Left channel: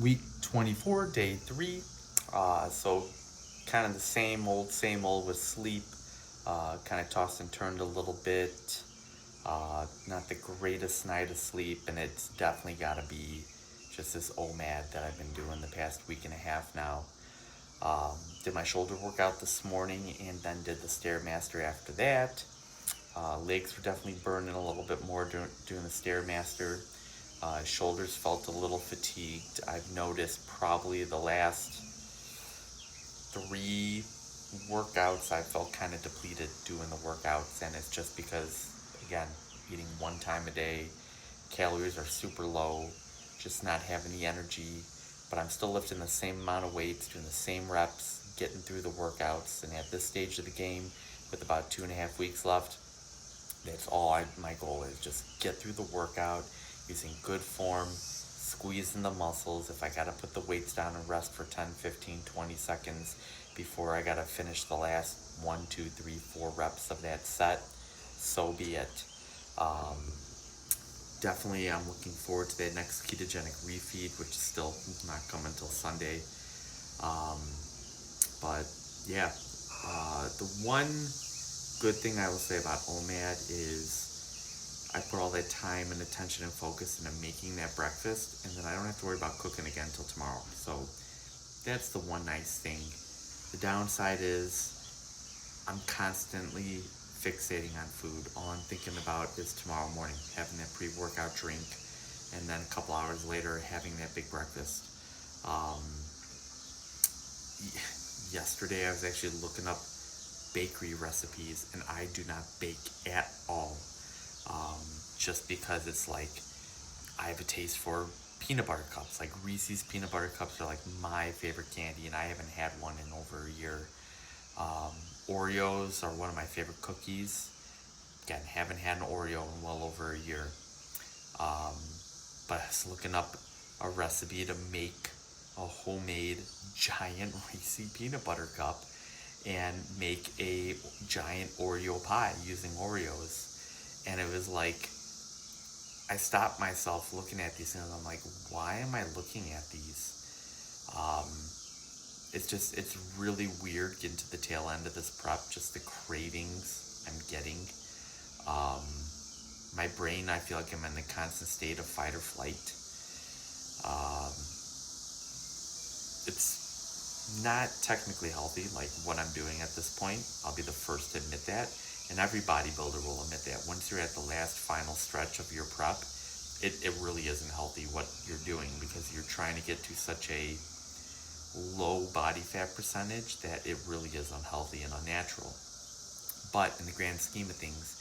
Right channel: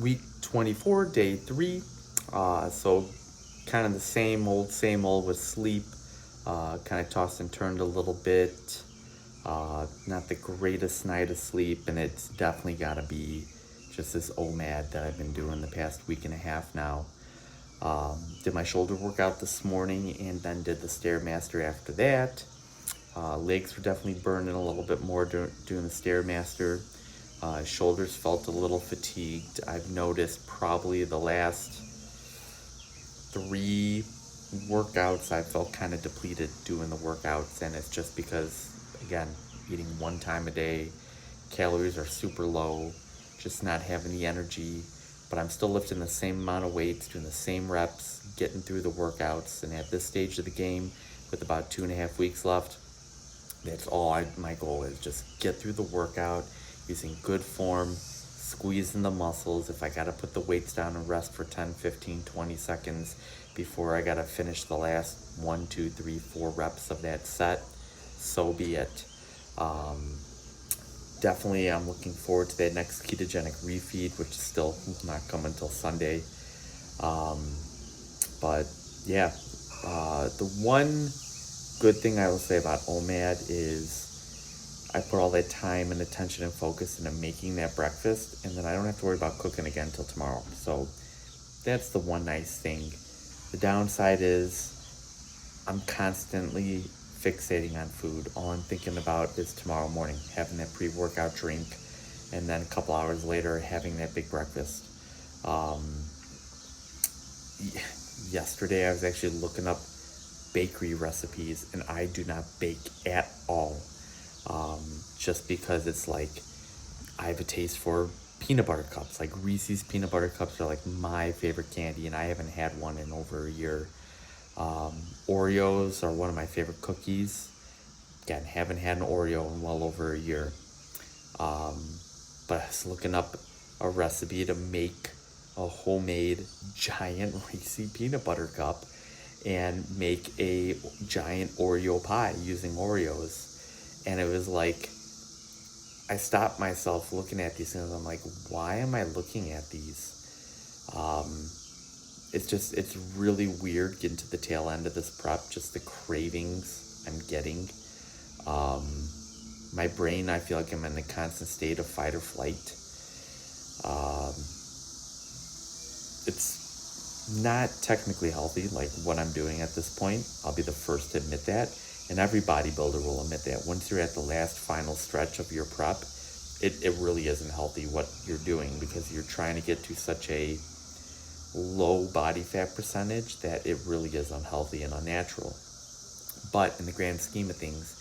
Week 24, day 3. So kind of the same old with sleep. Kind of tossed and turned a little bit. Not the greatest night of sleep, and it's definitely got to be just this OMAD that I've been doing the past week and a half now. Did my shoulder workout this morning and then did the Stairmaster after that. Legs were definitely burning a little bit more doing the Stairmaster. Shoulders felt a little fatigued. I've noticed probably the last 3 workouts I felt kind of depleted doing the workouts, and it's just because, again, eating 1 time a day, calories are super low, just not having the energy, but I'm still lifting the same amount of weights, doing the same reps, getting through the workouts, and at this stage of the game, with about 2.5 weeks left, that's all my goal is, just get through the workout, using good form, squeezing the muscles. If I gotta put the weights down and rest for 10, 15, 20 seconds before I gotta finish the last 1, 2, 3, 4 reps of that set, so be it. Definitely I'm looking forward to that next ketogenic refeed, which is still not coming until Sunday. But yeah, the one good thing I will say about OMAD is I put all that time and attention and focus into making that breakfast, and then I don't have to worry about cooking again until tomorrow. So that's the one nice thing. The downside is I'm constantly fixating on food. All I'm thinking about is tomorrow morning, having that pre-workout drink, and then a couple hours later having that big breakfast. Yesterday I was actually looking up bakery recipes, and I do not bake at all. Just because it's like I have a taste for peanut butter cups. Like Reese's peanut butter cups are like my favorite candy, and I haven't had one in over a year. Oreos are one of my favorite cookies. Again, haven't had an Oreo in well over a year. But I was looking up a recipe to make a homemade giant Reese's peanut butter cup and make a giant Oreo pie using Oreos. And it was like, I stopped myself looking at these things. I'm like, why am I looking at these? It's really weird getting to the tail end of this prep, just the cravings I'm getting. My brain, I feel like I'm in a constant state of fight or flight. It's not technically healthy, like what I'm doing at this point. I'll be the first to admit that. And every bodybuilder will admit that. Once you're at the last final stretch of your prep, it really isn't healthy what you're doing, because you're trying to get to such a low body fat percentage that it really is unhealthy and unnatural. But in the grand scheme of things,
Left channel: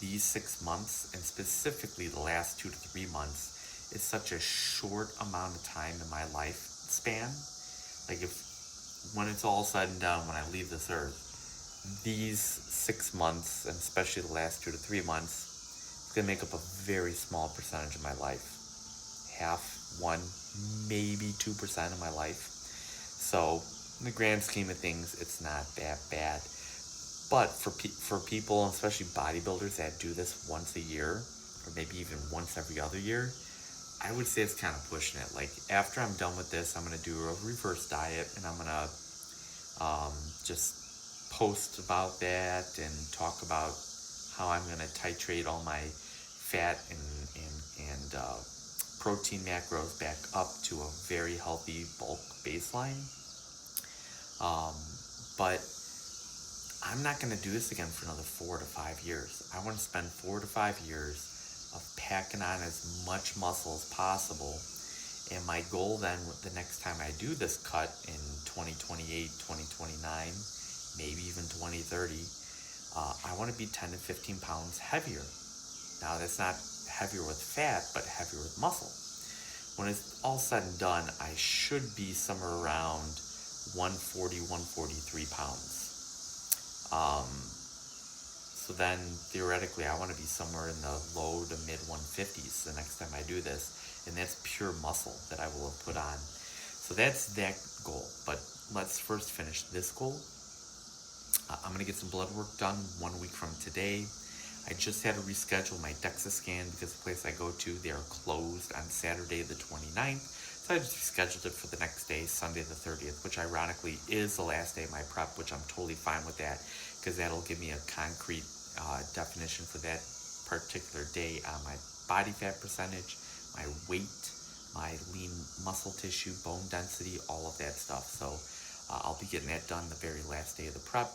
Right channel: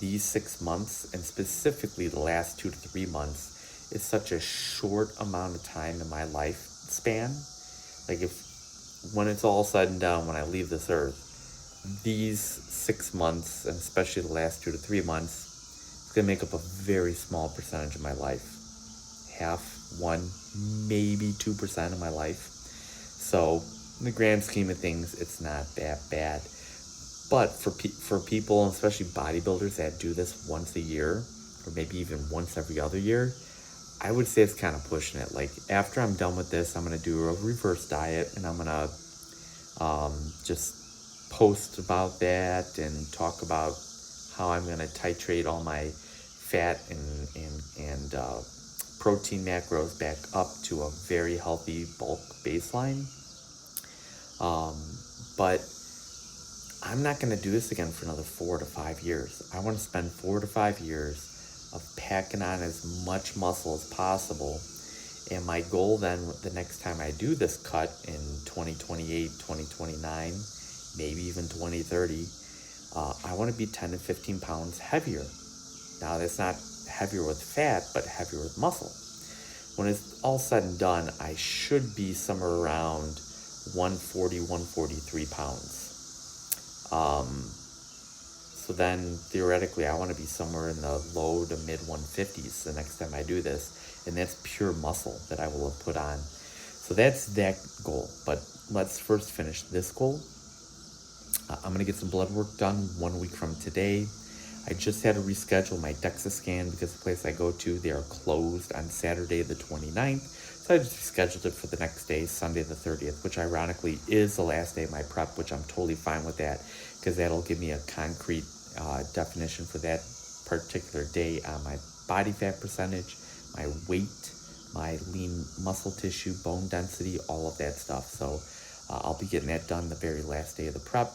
these 6 months, and specifically the last 2 to 3 months, is such a short amount of time in my life span. Like when it's all said and done, when I leave this earth, these 6 months, and especially the last 2 to 3 months, it's going to make up a very small percentage of my life. Half, 1, maybe 2% of my life. So in the grand scheme of things, it's not that bad. But for people, especially bodybuilders that do this once a year, or maybe even once every other year, I would say it's kind of pushing it. Like after I'm done with this, I'm going to do a reverse diet, and I'm going to just post about that and talk about how I'm going to titrate all my fat and protein macros back up to a very healthy bulk baseline. But I'm not going to do this again for another 4 to 5 years. I want to spend 4 to 5 years of packing on as much muscle as possible. And my goal then, the next time I do this cut in 2028, 2029, maybe even 2030, I want to be 10 to 15 pounds heavier. Now that's not heavier with fat, but heavier with muscle. When it's all said and done, I should be somewhere around 140, 143 pounds. So then theoretically I want to be somewhere in the low to mid 150s the next time I do this, and that's pure muscle that I will have put on. So that's that goal, but let's first finish this goal. I'm going to get some blood work done 1 week from today. I just had to reschedule my DEXA scan because the place I go to, they are closed on Saturday the 29th. So I just rescheduled it for the next day, Sunday the 30th, which ironically is the last day of my prep, which I'm totally fine with that because that'll give me a concrete definition for that particular day on my body fat percentage, my weight, my lean muscle tissue, bone density, all of that stuff. So I'll be getting that done the very last day of the prep.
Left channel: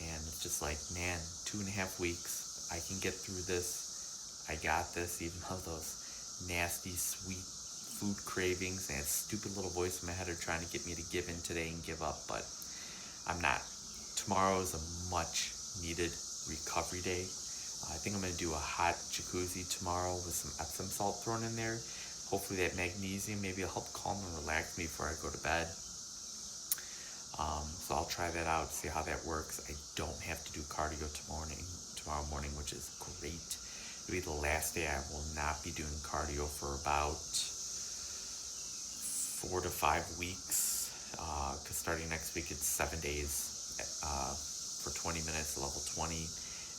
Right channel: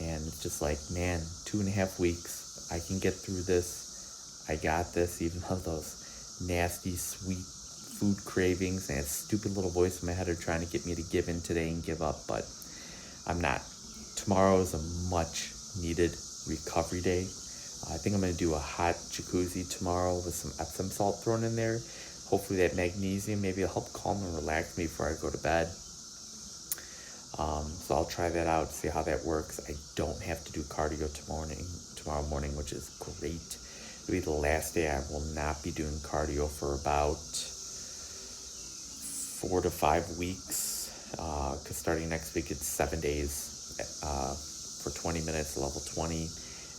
And it's just like, man, 2.5 weeks, I can get through this. I got this, even though those nasty, sweet food cravings and that stupid little voice in my head are trying to get me to give in today and give up, but I'm not. Tomorrow is a much needed recovery day. I think I'm going to do a hot jacuzzi tomorrow with some Epsom salt thrown in there. Hopefully that magnesium, maybe it'll help calm and relax me before I go to bed. So I'll try that out, see how that works. I don't have to do cardio tomorrow morning, which is great. It'll be the last day I will not be doing cardio for about 4 to 5 weeks, because starting next week it's 7 days for 20 minutes, level 20,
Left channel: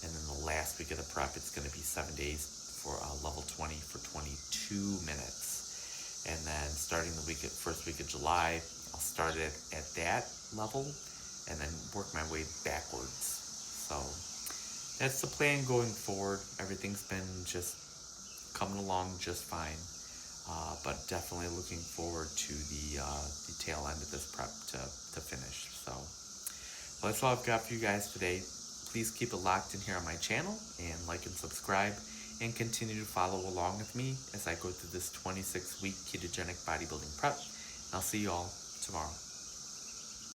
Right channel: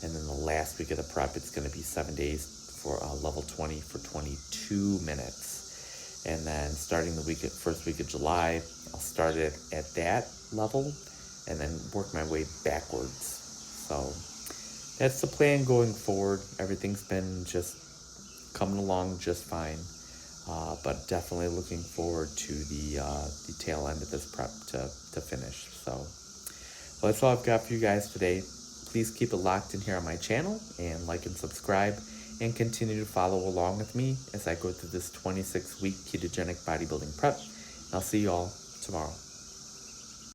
and then the last week of the prep it's going to be 7 days for level 20 for 22 minutes, and then starting the first week of July, I'll start it at that level and then work my way backwards. So that's the plan going forward. Everything's been just coming along just fine. But definitely looking forward to the tail end of this prep to finish. So that's all I've got for you guys today. Please keep it locked in here on my channel and like and subscribe and continue to follow along with me as I go through this 26-week ketogenic bodybuilding prep. I'll see you all tomorrow.